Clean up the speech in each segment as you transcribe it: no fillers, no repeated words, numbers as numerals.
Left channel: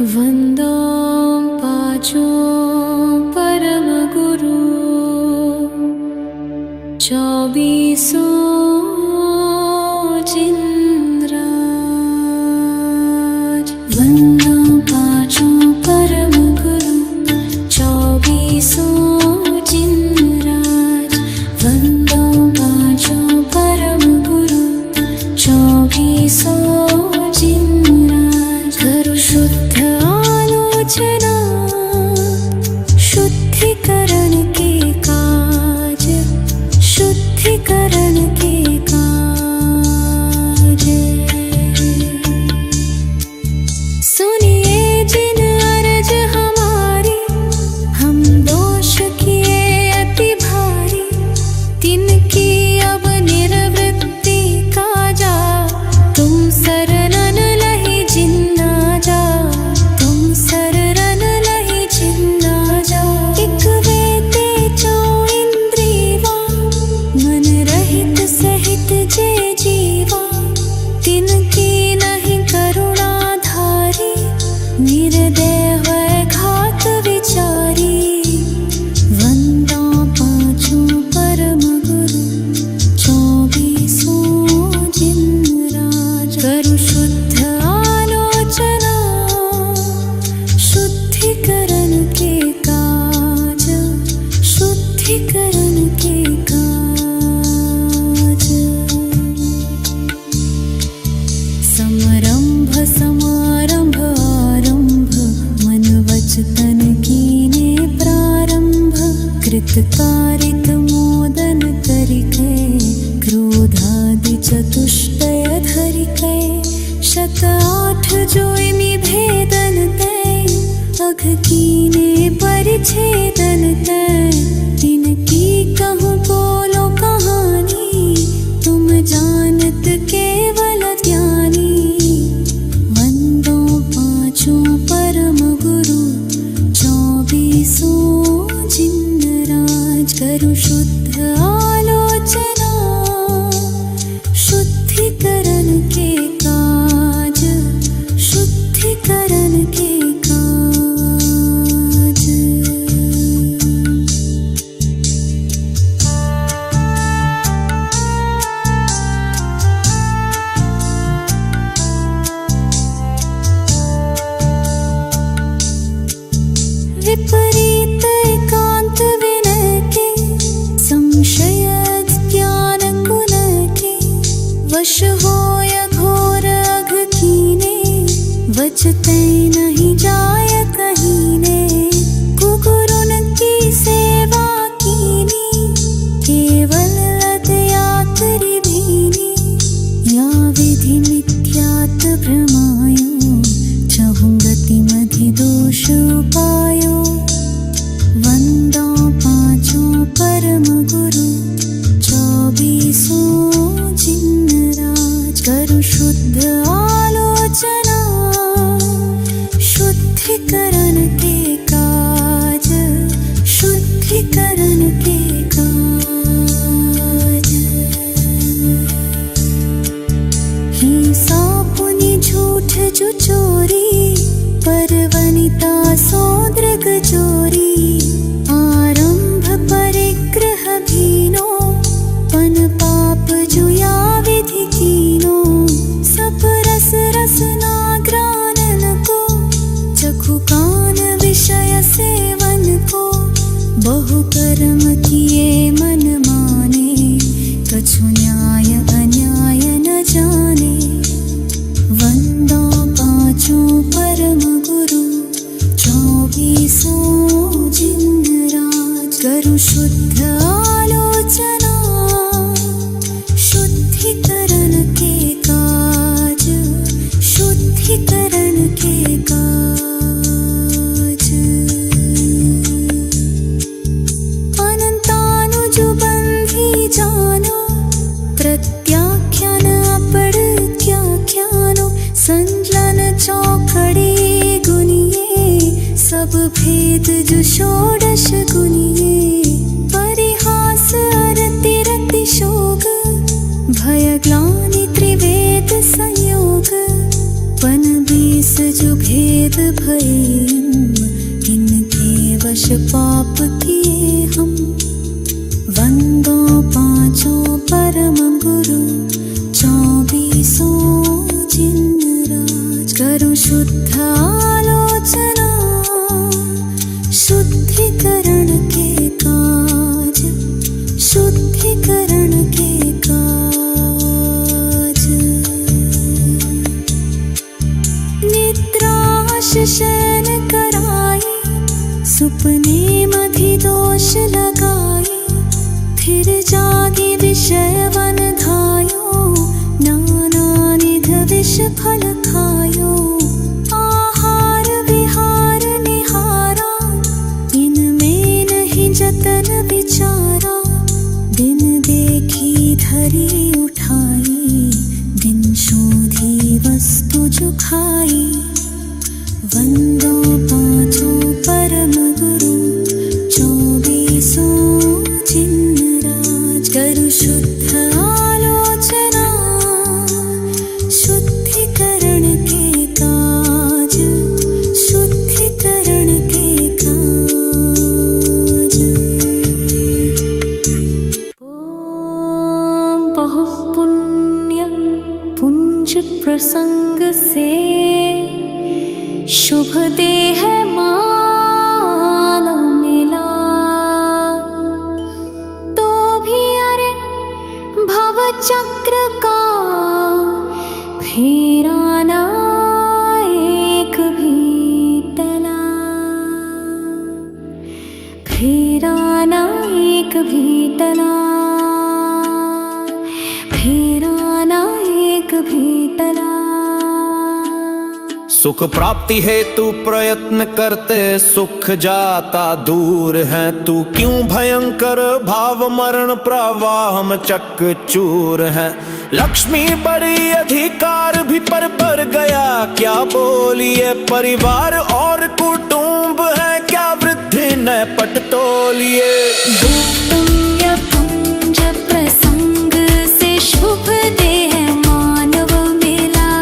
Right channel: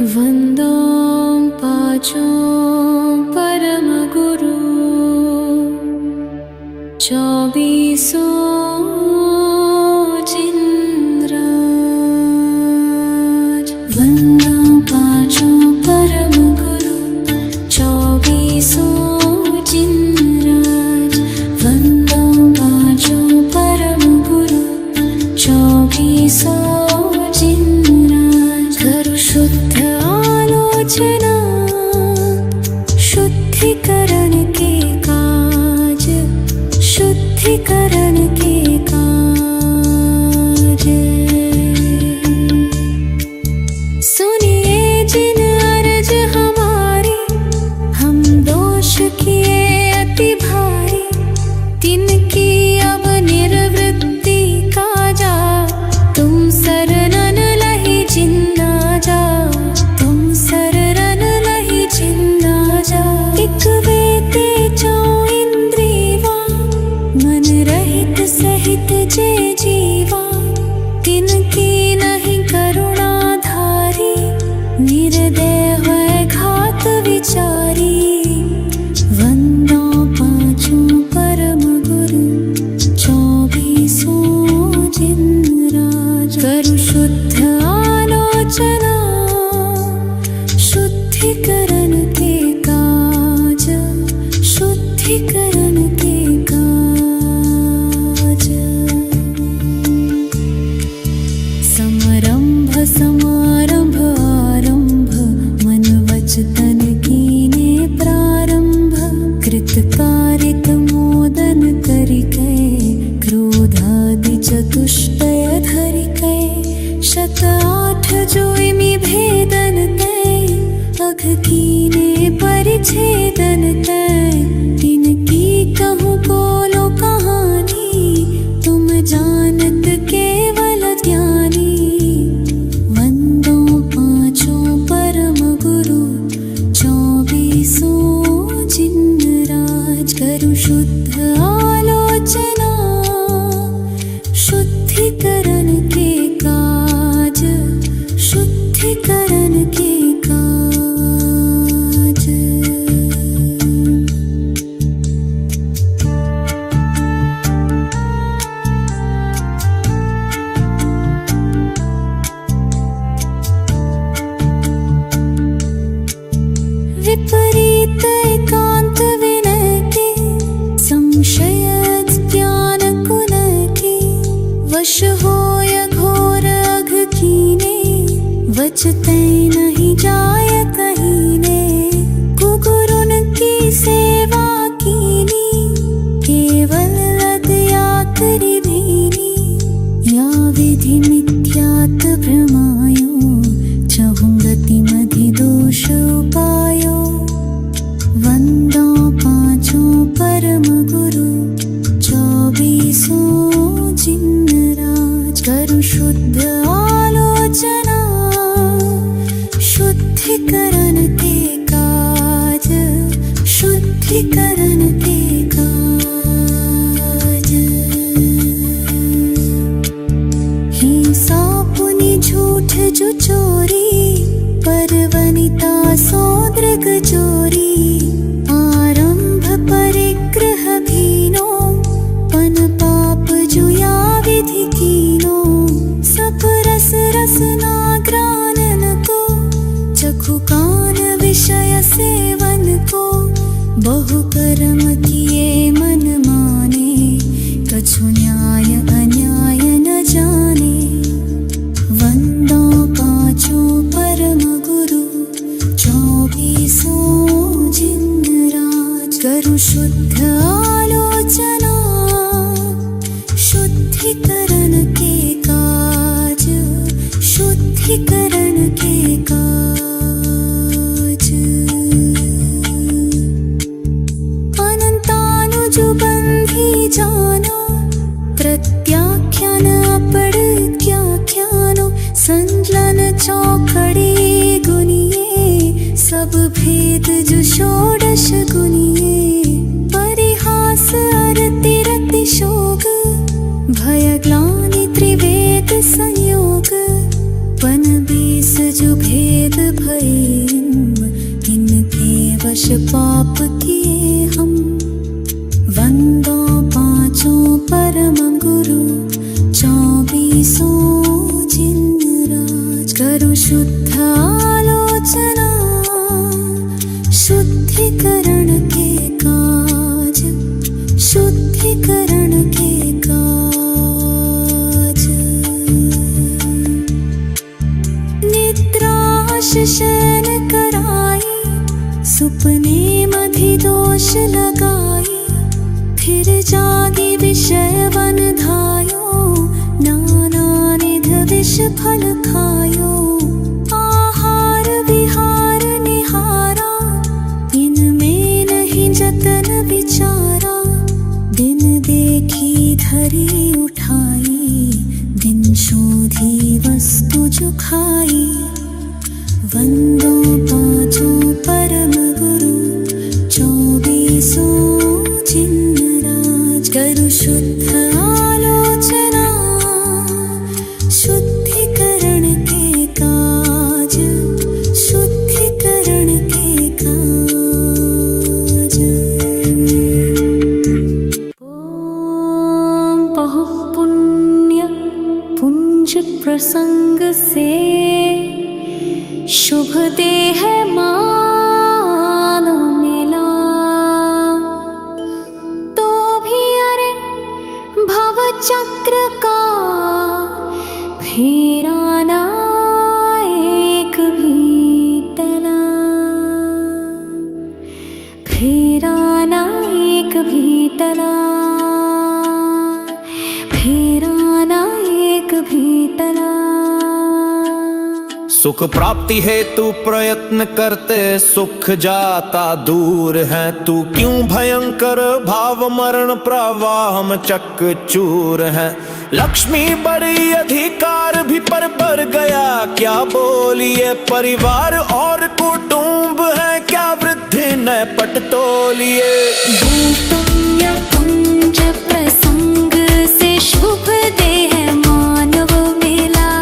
वंदो पाचो परम गुरु, चौबीसो जिनराज। वंदो पाचो परम गुरु, चौबीसो जिनराज। वंदो पाचो परम गुरु, चौबीसो जिनराज। करो शुद्ध आलोचना, शुद्धिकरण के काज, शुद्धिकरण के काज। सुनिए जिन अर्ज हमारी, हम दोष किए अति भारी, तिनकी अब निर्वृत्ति काजा। तुम शरणन लहि जिन्ना जा, तुम शरणन लहि जिन्ना जा। एक वेते चौ इंद्रियवा, मन रहित सहित जे जीवा। तिनकी नहीं करुणा धारी, निर्दय वै घात विचारी। वंदो पाचो परम गुरु, चौबीसो जिनराज। करु शुद्ध आलोचना, शुद्धिकरण के काज, शुद्धिकरण के काज। समरंभ समारंभ आरंभ, मन वच तन कीने प्रारंभ। कृत कारित मोदन करिकै, क्रोधादि चतुष्टय धरिकै। शत आठ जोइमि भेदन तै, अघ कीने परिच्छेदन तै। तिनकी कहूँ बोलो कहानी, तुम जानत केवल ज्ञानी। वंदो पाचो परम गुरु, चौबीसो जिनराज। करु शुद्ध आलोचना, शुद्धिकरण के काज, शुद्धिकरण के काज। विपरीत एकांत विनय के, संशय ज्ञान कुन के। वश होय घोर अघ कीने, वच तै नहीं जाय कहीने। कुगुरुन की सेवा कीनी, केवल लदया करि भीनी। या विधि मिथ्यात् भ्रमायो, चहुं गति मधि दोष उपायो। वंदो पाचो परम गुरु, चौबीसो जिनराज। करु शुद्ध आलोचना, शुद्धिकरण के काज, शुद्धिकरण के काज। हिंसा पुनि झूठ जो चोरी, पर वनिता सौद्रग जोरी। आरंभ परिग्रह भीनो, पन पाप जुया विधि कीनो। सब रस रसना ग्रानन को, चखु कान विषय सेवन को। बहु कर्म किए मन माने, कछु न्याय अन्याय न जाने। वंदो पाचो परम गुरु, चौबीसो जिनराज। करु शुद्ध आलोचना, शुद्धिकरण के काज, शुद्धिकरण के काज। अनंतानुज बंधी जानो, प्रत्याख्यान अपड़त्याख्यानो। संजलन चौखड़ी गुनिए, सब भेद जो षोडश गुनिए। परिहास अरति रति शोक, भय ग्लानि त्रिवेद संयोग। पन 20 जो भेद भये इनके वश पाप किए हम। वंदो पांचों परम गुरु 24 जिनराज। करु शुद्ध आलोचना शुद्धिकरण के काज, शुद्धिकरण के काज। निद्राश शयन कराई सुपने मधिदोष लगाई। फिर जागी विषय वन धायो नाना निध विष फल खायो। आहार विहार निहारा इनमें नहीं जतन विचारा। दिन देखी धरी उठाई दिन शोधी वस्तु जो खाई। वंदो पांचों परम गुरु 24 जिनराज। करु शुद्ध आलोचना शुद्धिकरण के काज, शुद्धिकरण के काज। ओम बहु पुण्य पुंज प्रसंग से शुभ देह मान मिला। तो भी अरे भव चक्र का फेरा ना एक भी टला। फेरा ना एक भी टला। फेरा ना एक भी टला। सुख प्राप्ति हेतु प्रयत्न करते सुख जाता दूर है। तू क्यों भयंकर भाव मरण प्रवाह में चकचूर है। लक्ष्मी बड़ी अधिकार भी पर गया क्या बोलिए। परिवार और कुटुंब है क्या वृद्धि न पट तोलिए। पुण्य पुंज प्रसंग से शुभ देह मानव मिला।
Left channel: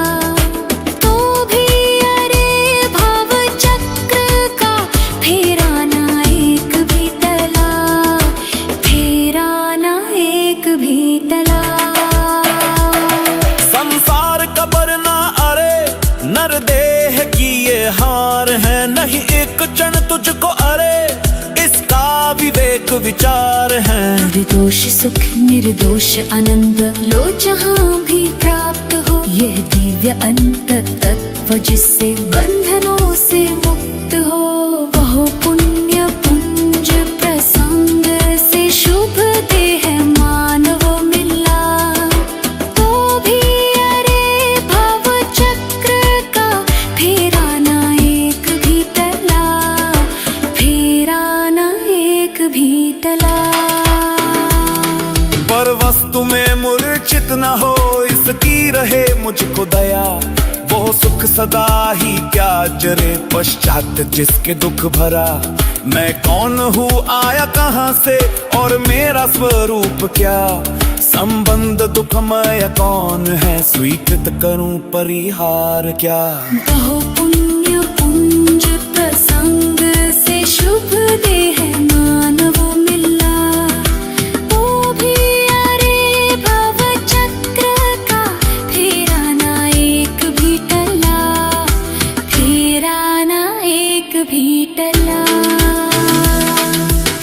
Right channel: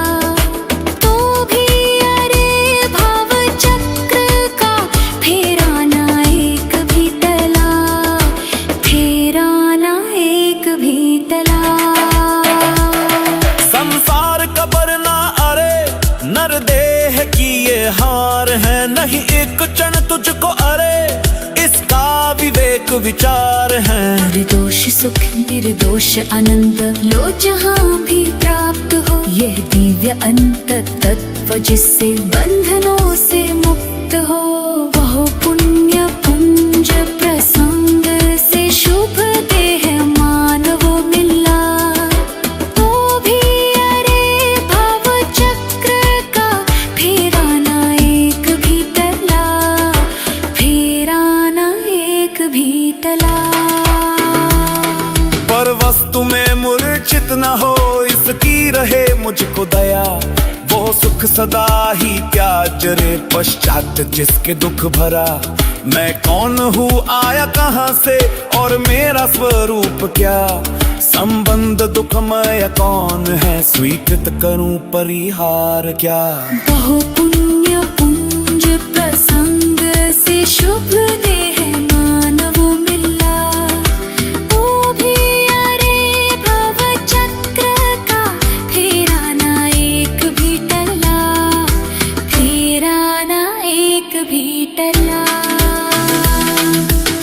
तो भी अरे भव चक्र का फेरा ना एक भी टला। फेरा ना एक भी टला। संसार कबर ना अरे नर देह की ये हार है। नहीं एक क्षण तुझको अरे इसका विवेक विचार है। निर्दोष सुख निर्दोष आनंद लो जहाँ भी प्राप्त हो। यह दिव्य अंत तत्व जिससे बंधनों से मुक्त हो। बहु पुण्य पुंज प्रसंग से शुभ देह मानव मिला। तो भी अरे भव चक्र का फेरा ना एक भी टला। फेरा ना एक भी टला। पर वस्तु में मूर्छित न हो इसकी रहे मुझको दया। वो सुख सदा ही क्या जरे पश्चात जिसके दुख भरा। मैं कौन हूँ आया कहाँ से और मेरा स्वरूप क्या। संबंध दुखमय कौन है स्वीकृत करूं परिहार क्या। बहु पुण्य पुंज प्रसंग से शुभ देह मानव मिला। तो भी अरे भव चक्र का फेरा ना एक भी टला। फेरा ना एक भी टला।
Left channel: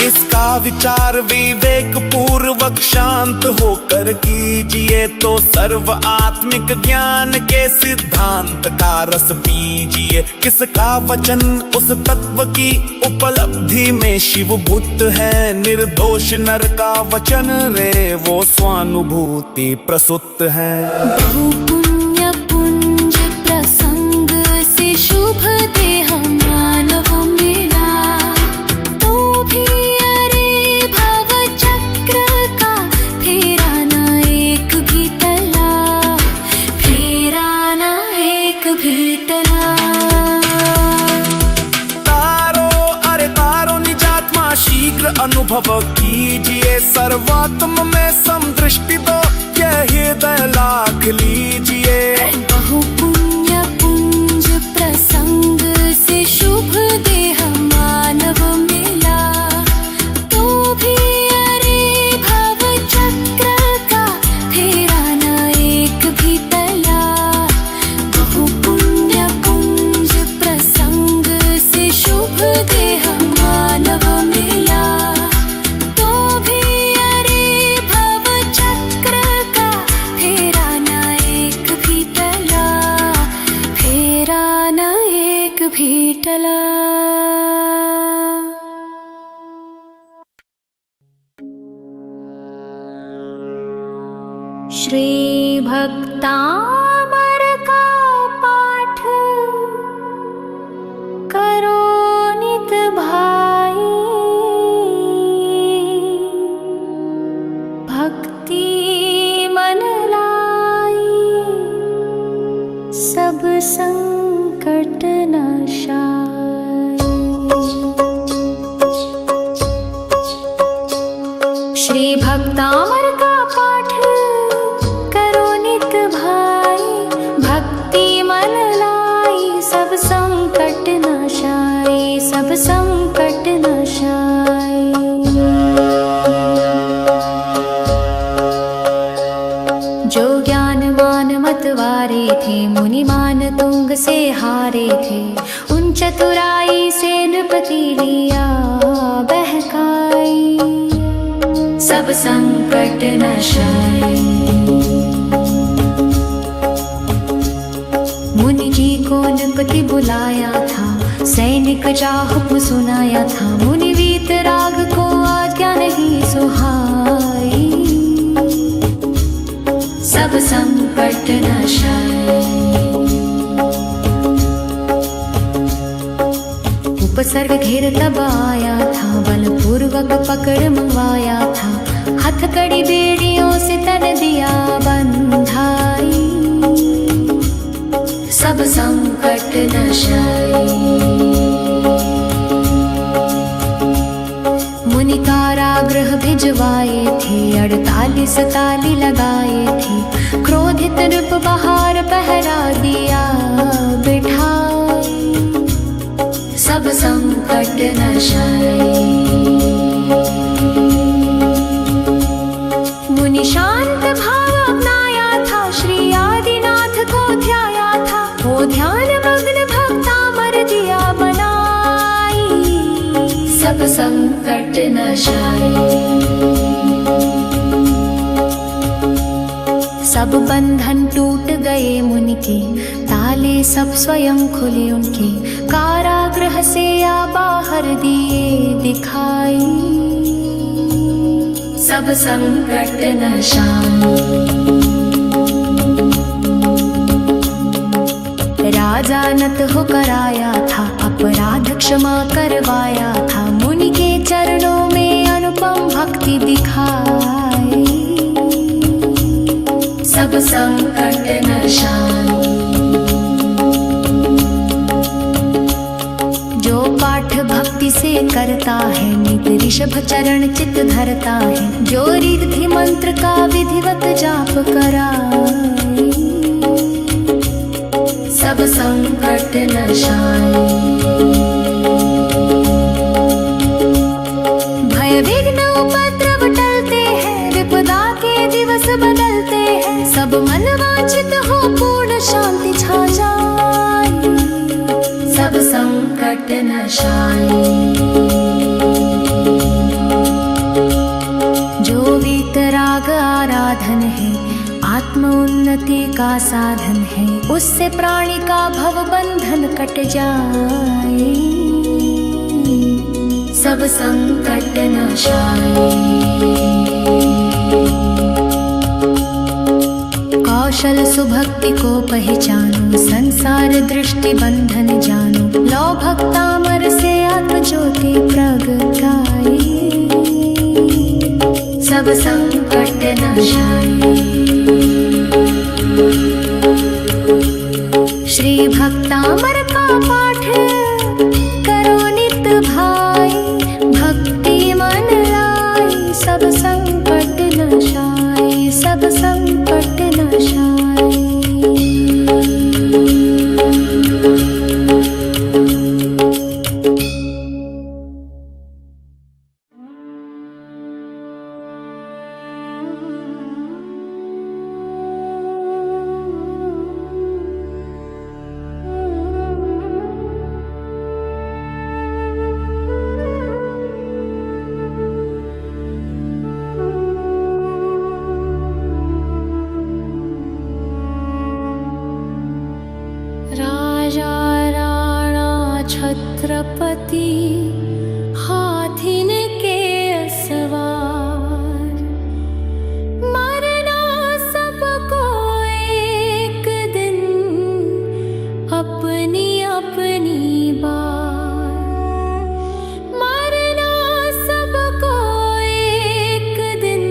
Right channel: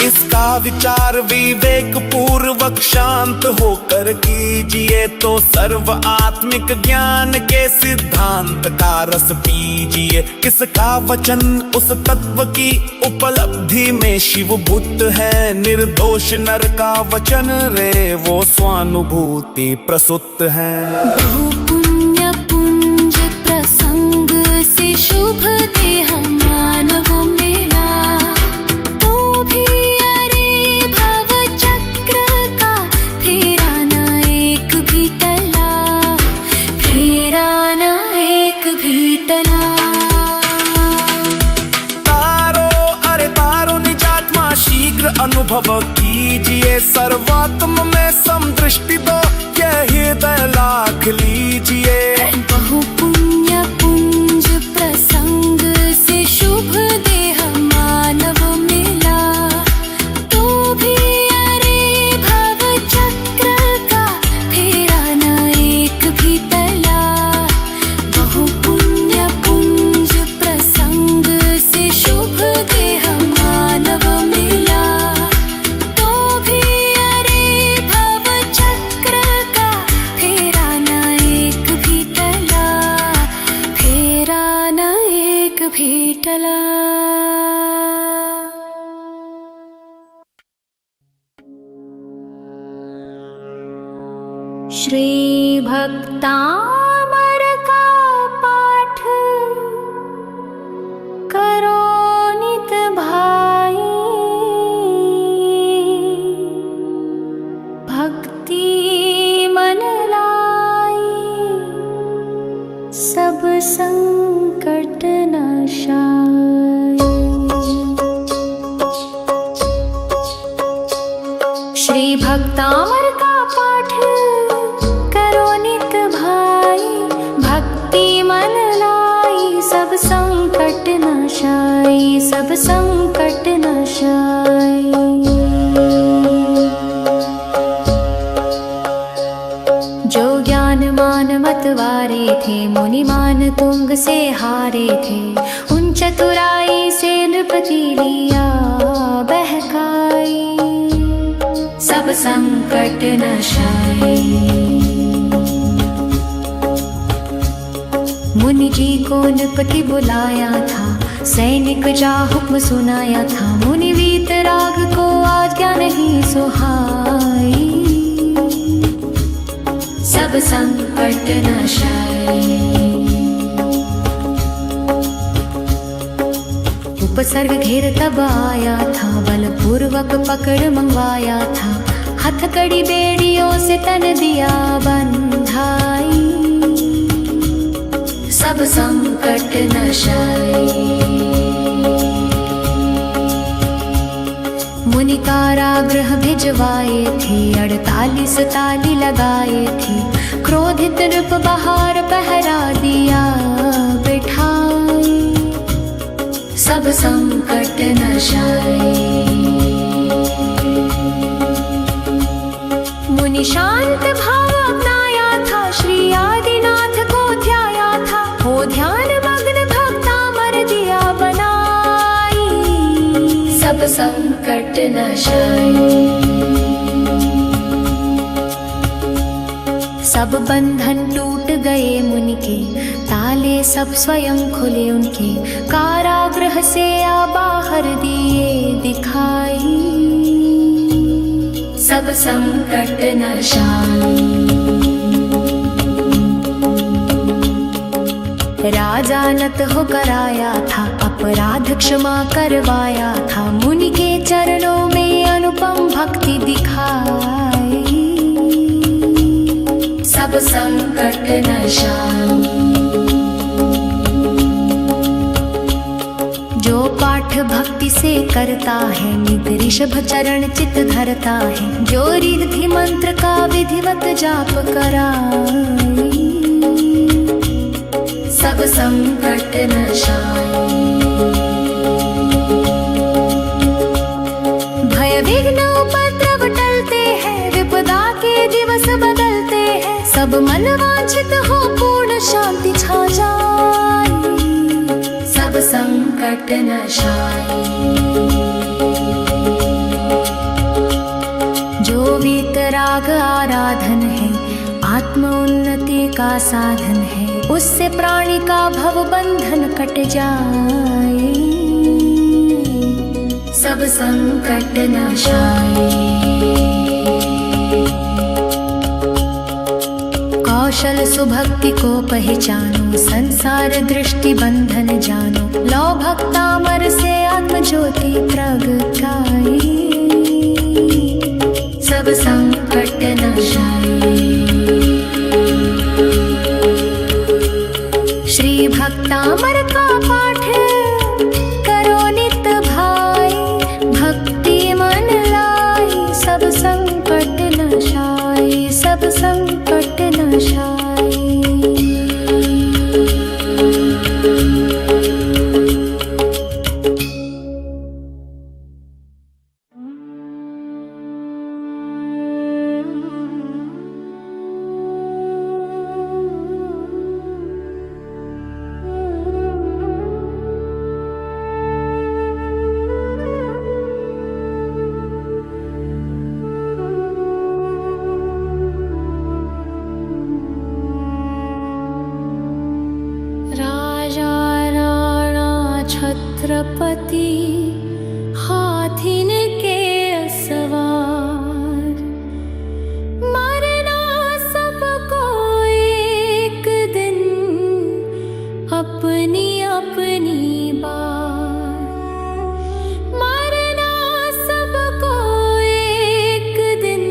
इसका विचार विवेक पूर्वक शांत होकर कीजिए। तो सर्व आत्मिक ज्ञान के सिद्धांत का रस पीजिए। किसका वचन उस तत्व की उपलब्धि में शिव भूत है। निर्दोष नर का वचन रे वो स्वानुभूति प्रसुत है। बहु पुण्य पुंज प्रसंग से शुभ देह मानव मिला। तो भी अरे भव चक्र का फेरा ना एक भी टला। फेरा ना एक भी टला। तारो अरे तारो निजात्मा शीघ्र अनुभव कीजिए। सर्वात्म में समदृष्टि दो यह हृदय लाख लीजिए। बहु पुण्य पुंज प्रसंग से शुभ देह मानव मिला, तो भी अरे भव चक्र का फेरा न एक भी टला। बहु पुण्य पुंज प्रसंग से शुभ देह मानव मिला, तो भी अरे भव चक्र का फेरा न एक भी टला, फेरा न एक भी टला। श्री भक्तामर का पाठ करो नित भाई, भक्ति मन लाई सब संकट नाशाय। श्री भक्तामर का पाठ करो नित भाई, भक्ति मन लाई सब संकट नाशाय, सब संकट नाशाय। जो ज्ञान मान मत वारे थे, मुनि मान तुंग से हारे थे, उन चतुराई से नृपति लिया बहकाई, सब संकट नाशाय। मुनि जी को नृपति बुलाया था, सैनिक जा हुक्म सुनाया था, मुनि वीतराग को आज्ञा नहीं सुहाई, सब संकट नाशाय। उपसर्ग घेर तब आया था, बलपूर्वक पकड़ मंगवाया था, हथकड़ी बेड़ियों से तन दिया बंधाई, सब संकट नाशाय। मुनि कारागृह भिजवाए थे, 48 ताली लगाए थे, क्रोधित नृप बहार पहरा दिया बिठाई, सब संकट नाशाय। मुनि शांत भाव अपनाया था, श्री आदिनाथ को ध्याया था, हो ध्यान मग्न भक्तामर दिया बनाई, सब संकट नाशाय। सब बंधन टूट गए मुनि के, ताले सब स्वयं खुले उनके, कारागृह से आ बाहर दिए दिखाई, सब संकट नाशाय। राजा नत होकर आया था, अपराध क्षमा करवाया था, मुनि के चरणों में अनुपम भक्ति दिखाई, सब संकट नाशाय। जो पाठ भक्ति से करता है, नित ऋषभ चरण चित धरता है, जो रिद्धि मंत्र का विधिवत जाप कराए, सब संकट नाशाय। भय विघ्न उपद्रव टलते हैं, विपदा के दिवस बदलते हैं, सब मन वांछित हो पूर्ण शांति छा जाए, सब संकट नाशाय। जो वीतराग आराधन है, आत्म उन्नति का साधन है, उससे प्राणी का भव बंधन कट जाए, सब संकट नाशाय। कौशल सुभक्ति को पहचानो, संसार दृष्टि बंधन जानो, लो भक्तामर से आत्म ज्योति प्रगटाई, सब संकट नाशाय। श्री भक्तामर का पाठ करो नित भाई, भक्ति मन लाई सब संकट नाशाय, सब संकट नाशाय। छत्रपति हाथिन के सवार। मरना सबको एक दिन अपनी अपनी बार। मरना सबको एक दिन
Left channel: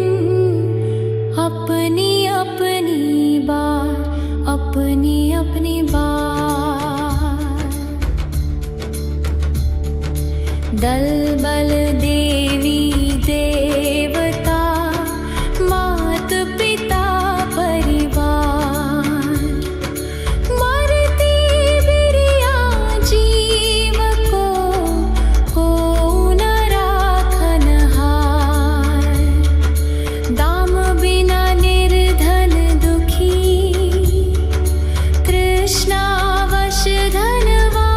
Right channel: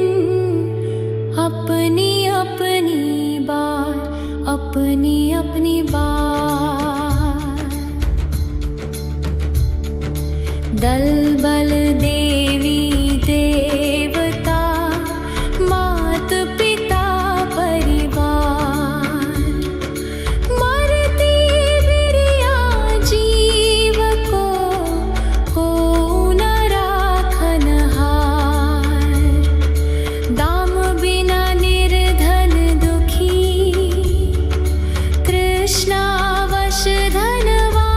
अपनी अपनी बार, अपनी अपनी बार। दल बल देवी देवता मात पिता परिवार। मरती बिरिया जीव को न राखन हार। दाम बिना निर्धन दुखी कृष्णावश धनवान।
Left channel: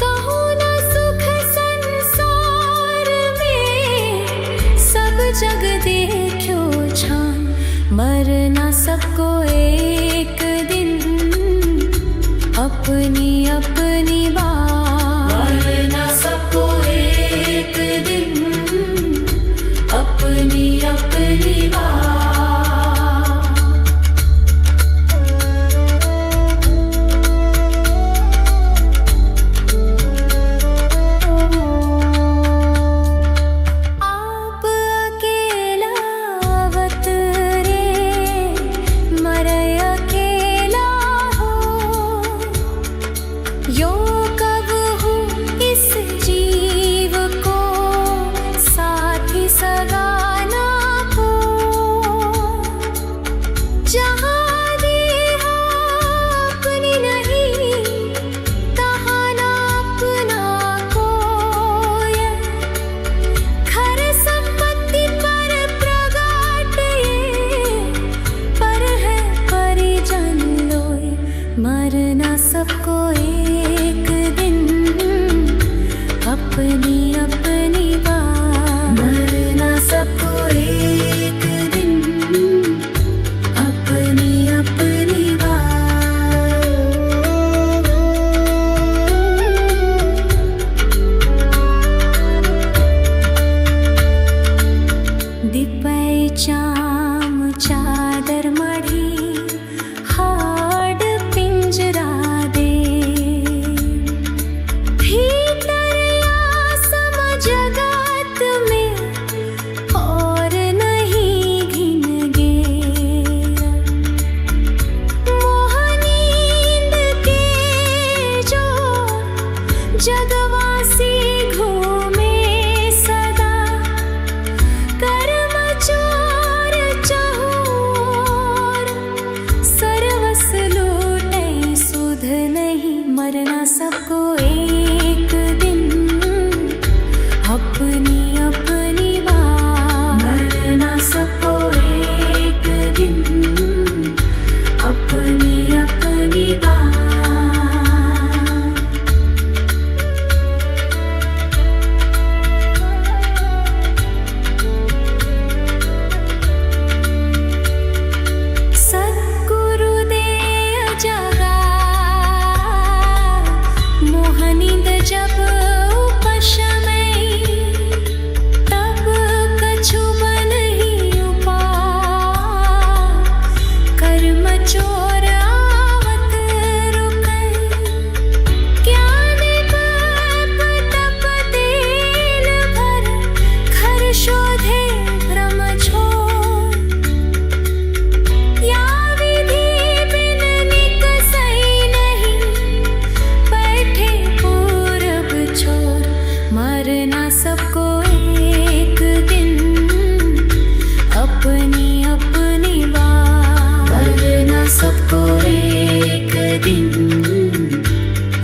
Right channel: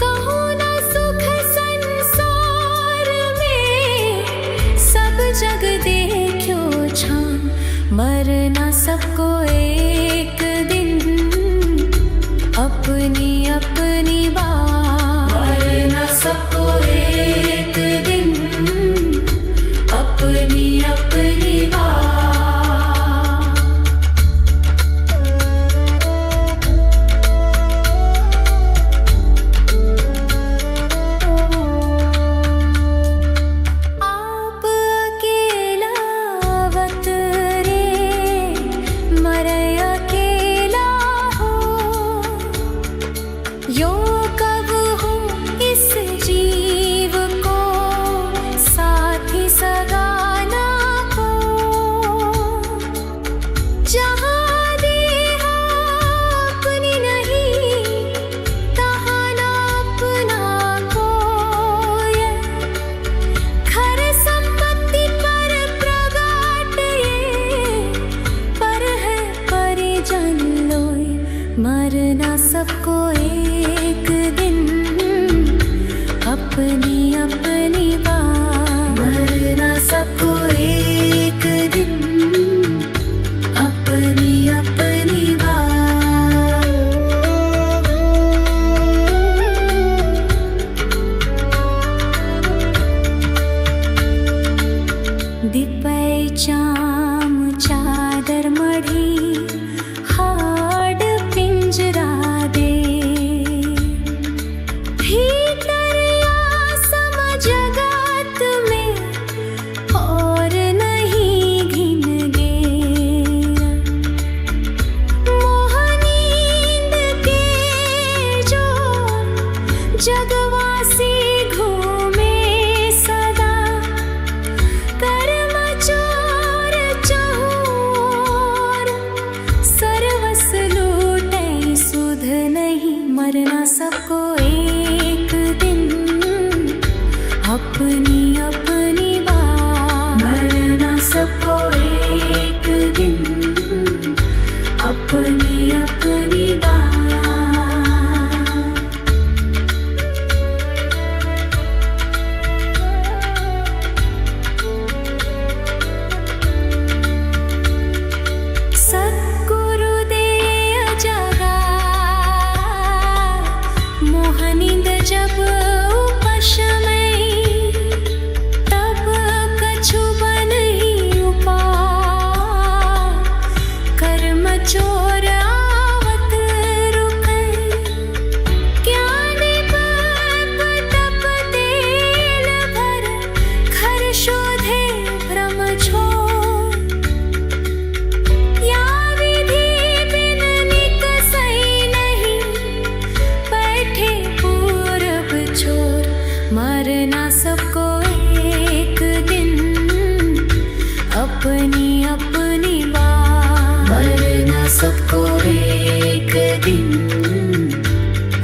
कहूँ न सुख संसार में सब जग देखो छान। मरना सबको एक दिन अपनी अपनी बार। मरना सबको एक दिन अपनी अपनी बार। आप अकेला अवतरे मरे अकेला हो। यो कब हो इस जीव को साथी सगाना को। जहाँ देहा अपनी नहीं तहाँ ना अपना कोई। खर संपत्ति पर प्रगाट ये पर है परिजन लोय। मरना सबको एक दिन अपनी अपनी बार। मरना सबको एक दिन अपनी अपनी बार। दिपै चाम चादर मढ़ी हाड पिंजरा दे। भीतर आसम जगत में और नहीं घिन गेरा। मोह नींद के जो जगवासी घूमे सदा। कर्म चोर चहूर सर्वस लूटे सुध नहीं। मरना सबको एक दिन अपनी अपनी बार। मरना सबको एक दिन अपनी अपनी बार। सद्गुरुदे जगा मोहनिंद जब उपशमय। तब कछु बन ही उपाय। कर्म चोर आवत रुकै। ज्ञान पाप तप तेल भर घर शोधे भ्रम छोड़। या विधि बिन निकसै नहीं बैठे पूरब चोर। मरना सबको एक दिन अपनी अपनी बार। मरना सबको एक दिन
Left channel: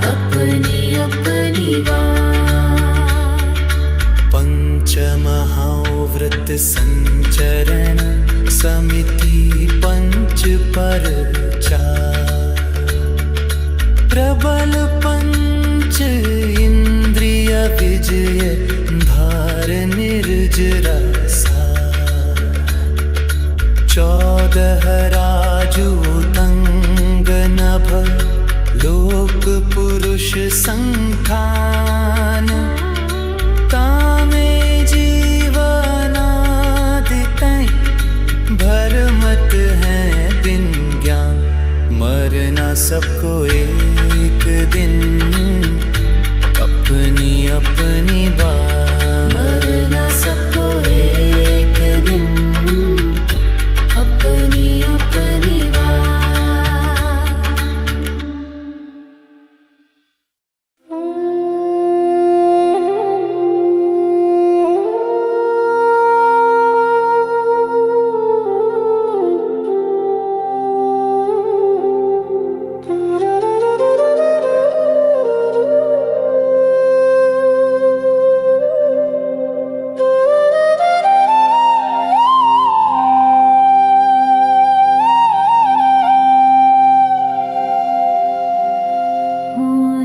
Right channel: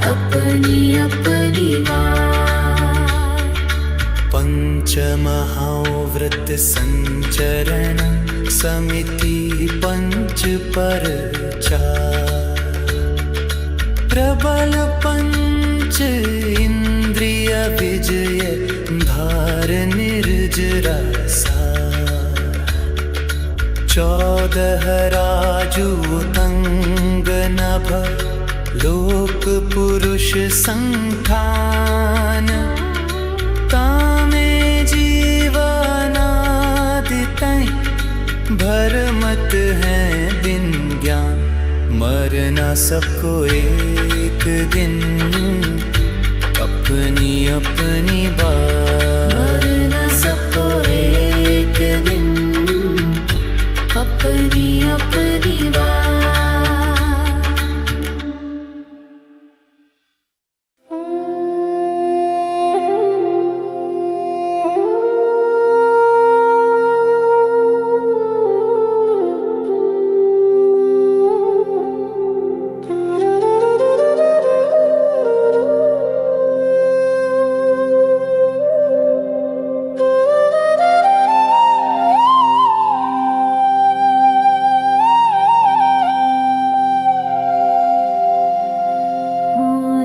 अपनी अपनी बार। पंचमहाव्रत संचरण समिति पंच पर चार। प्रबल पंच इंद्रिय विजय धार निर्जरा सार। 14 राजूतंग नभ लोक पुरुष संठान तामे जीवनादितै भरमत है बिन ज्ञान मरना सबको एक दिन अपनी अपनी बात मरना सबको एक दिन अपनी अपनी बात।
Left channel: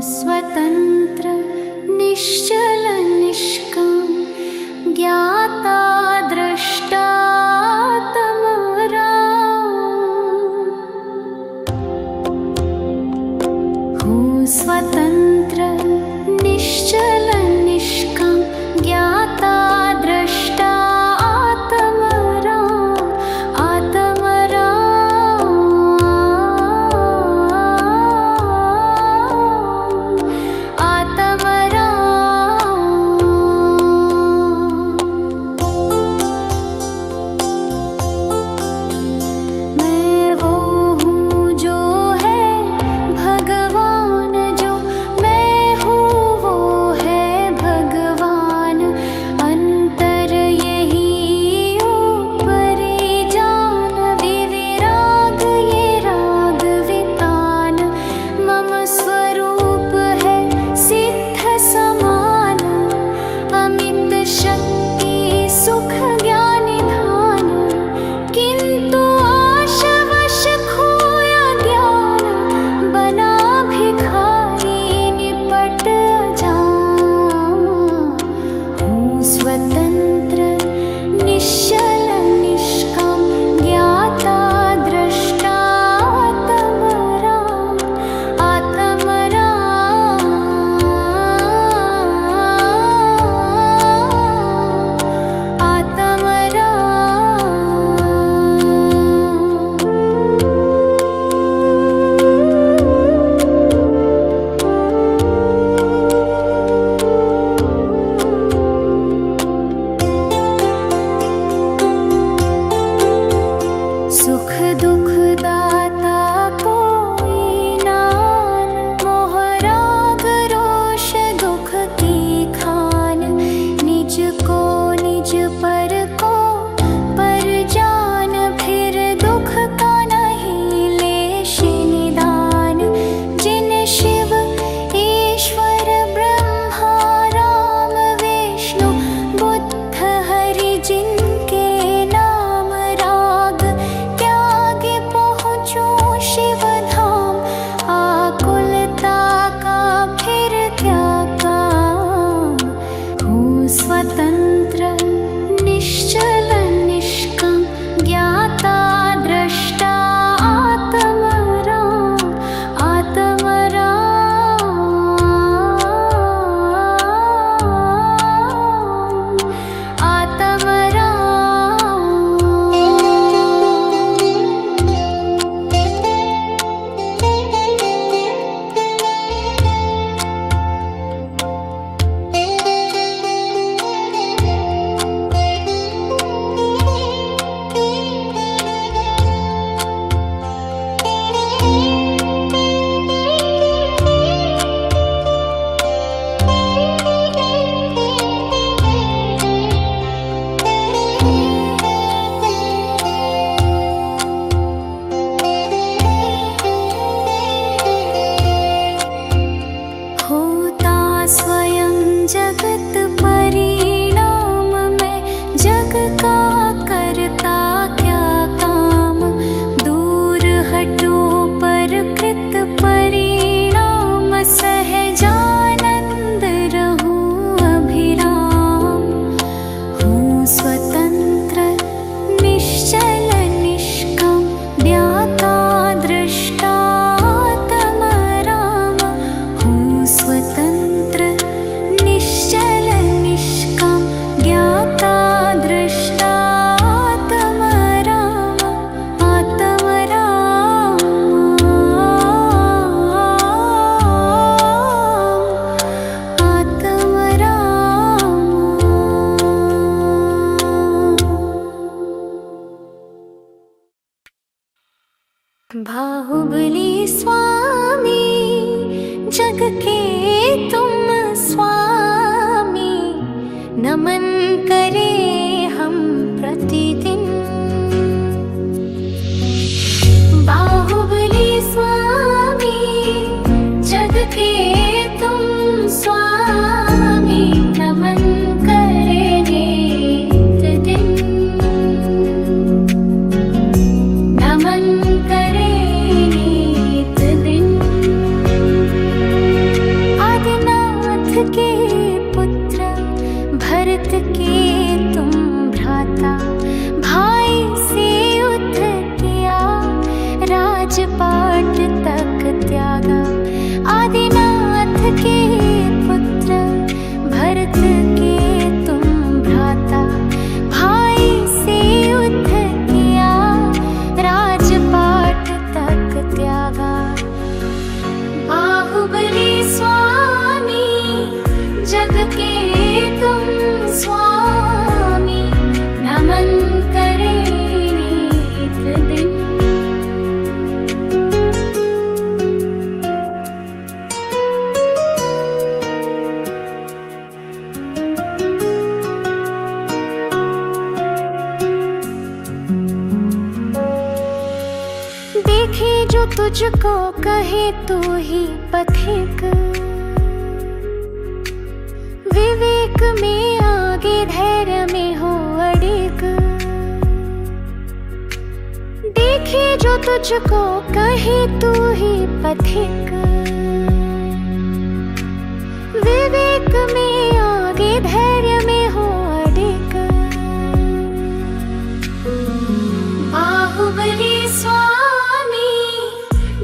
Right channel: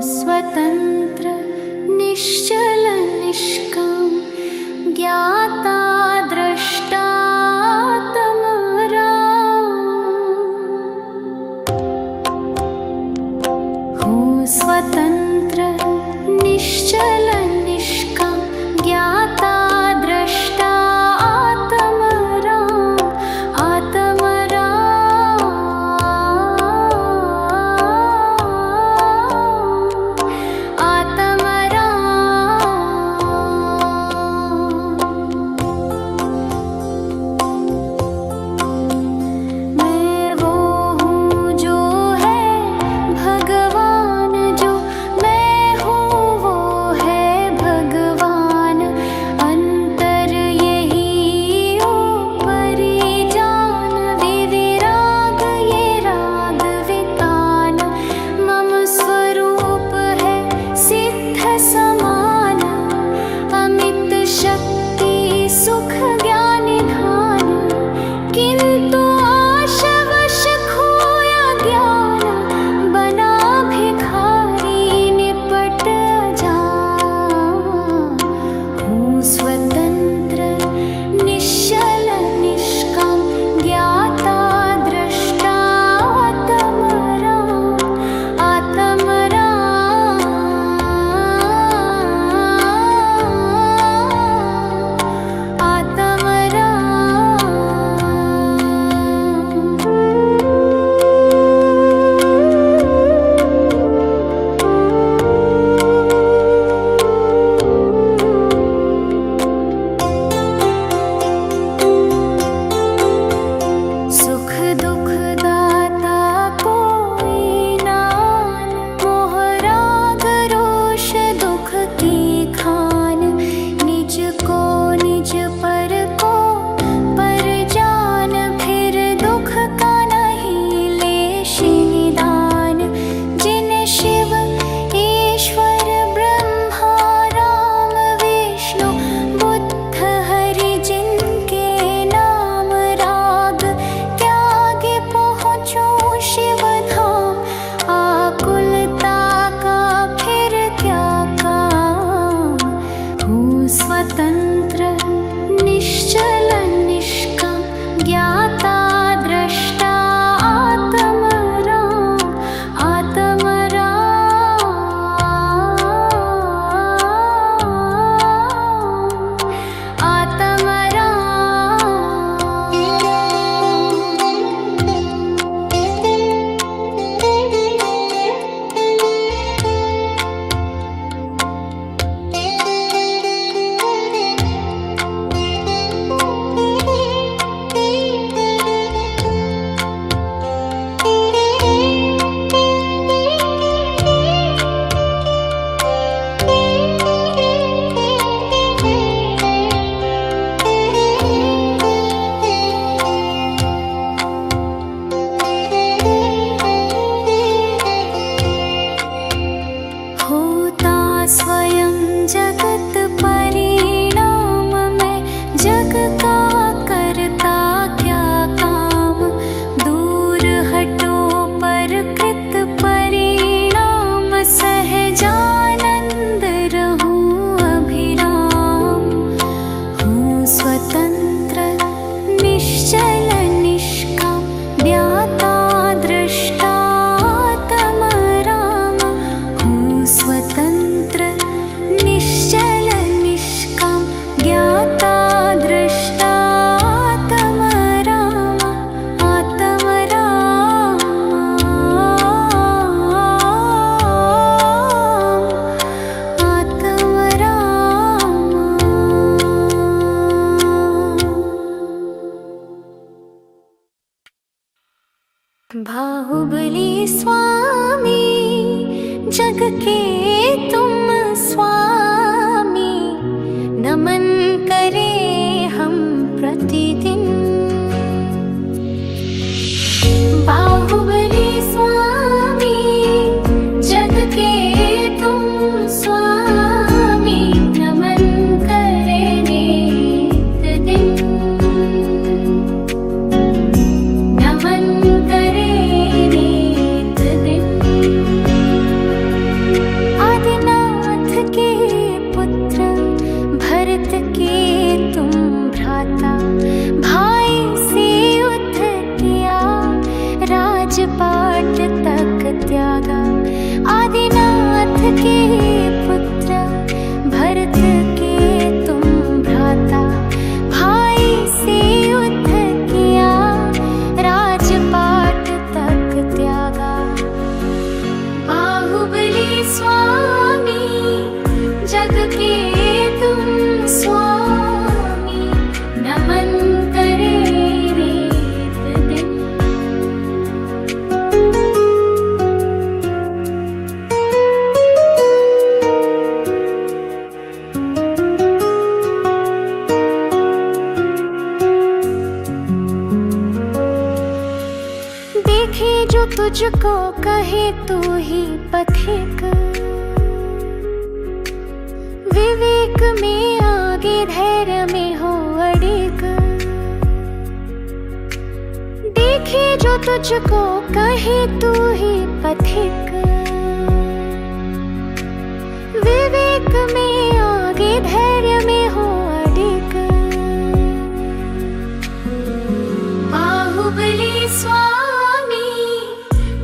स्वतंत्र निश्चल निष्काम ज्ञाता दृष्टा तमराम। हूँ स्वतंत्र निश्चल निष्काम ज्ञाता दृष्टा आत्मराम आत्मराम स्वरूप है सिद्ध समान अमित शक्ति सुख ज्ञान निधान किंतु आशवश खोया ज्ञान बना भिखारी निपट अजान। हूँ स्वतंत्र निश्चल निष्काम ज्ञाता दृष्टा सुख दुख दाता कोई नान मोह राग रोष दुख की खान निज को निज पर को पर जान फिर दुख का नहीं लेश निदान। जिन शिव ईश्वर ब्रह्मा राम विष्णु बुद्ध हरि जिनके नाम राग शिव धाम आकुलता का फिर क्या काम। हूँ स्वतंत्र निश्चल निष्काम ज्ञाता दृष्टा आत्मराम आत्मराम आत्मराम। स्वयं जगत परिणाम में जग का करता क्या काम। दूर हटो पर कृत परिणाम सहजानंद रहूं अभिराम। हूँ स्वतंत्र निश्चल निष्काम ज्ञाता दृष्टा तमराम स्वतंत्र निश्चल निष्काम ज्ञाता दृष्टा आत्मराम आत्मराम आत्मराम। बाहुबली स्वामी जग के तुम स्वामी, नमन करे हम प्रतिदिन। बाहुबली स्वामी जग के तुम स्वामी, नमन करे नित दिन। नमन करे नित दिन। आदिनाथ के पुत्र भरत के तुम भ्राता, भाई से युद्ध किया राजपाट तक त्यागा। आदिनाथ के पुत्र भरत के तुम भ्राता, भाई से युद्ध किया राजपाट तक त्यागा। बाहुबली स्वामी जग के तुम स्वामी, नमन करे नित दिन। देखे जो तुझको कहे तू ही पथिक, विवेक में आगे धैर्य में हो अडिग। देखे जो तुझको कहे तू ही पथिक, विवेक में आगे धैर्य में हो अडिग। बाहुबली स्वामी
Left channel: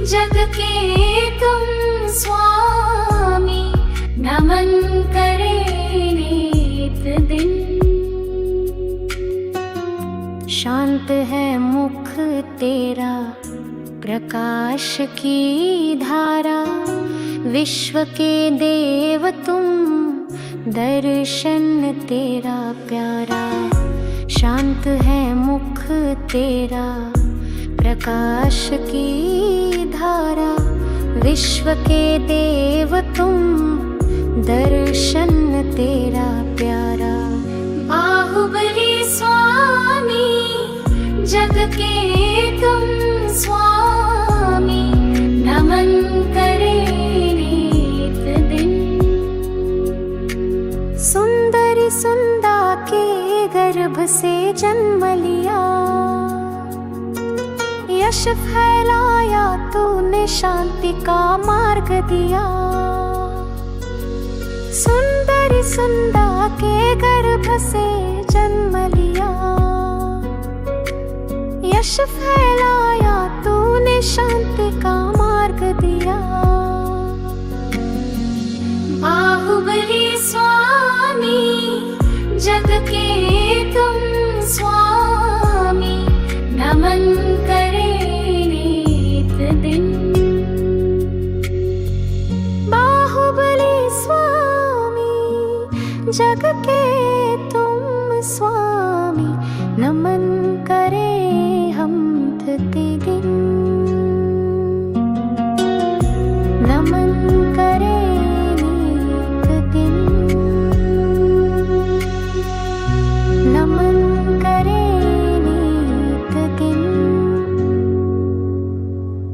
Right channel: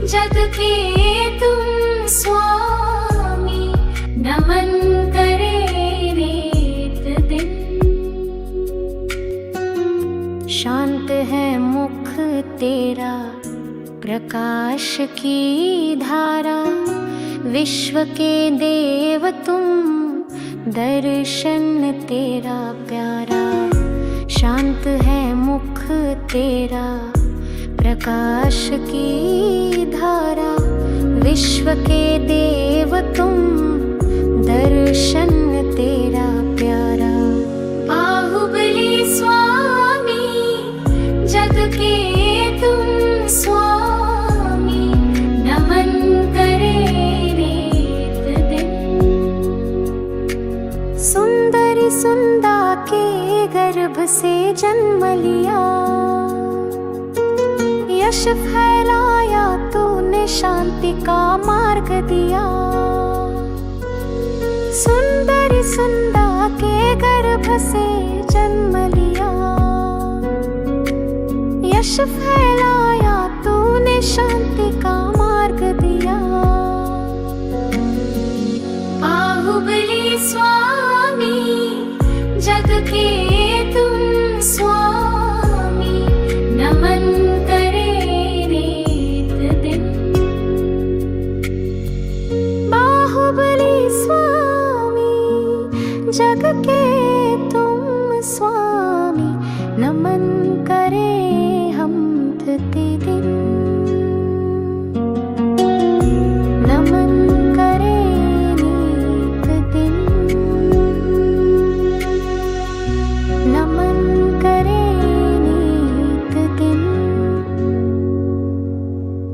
जग के तुम स्वामी, नमन करे नित दिन। शांत है मुख तेरा प्रकाश की धारा, विश्व के देव तुम दर्शन तेरा प्यारा। शांत है मुख तेरा प्रकाश की धारा, विश्व के देव तुम दर्शन तेरा प्यारा। बाहुबली स्वामी जग के तुम स्वामी, नमन करे नित दिन। सुंदरी सुंदा के गर्भ से जन्म लिया, यश फैलाया तूने शांति का मार्ग दिया। सुंदरी सुंदा के गर्भ से जन्म लिया, यश फैलाया तूने शांति का मार्ग दिया। बाहुबली स्वामी जग के तुम स्वामी, नमन करे नित दिन। बाहुबली स्वामी जग के तुम स्वामी, नमन करे हम प्रतिदिन। नमन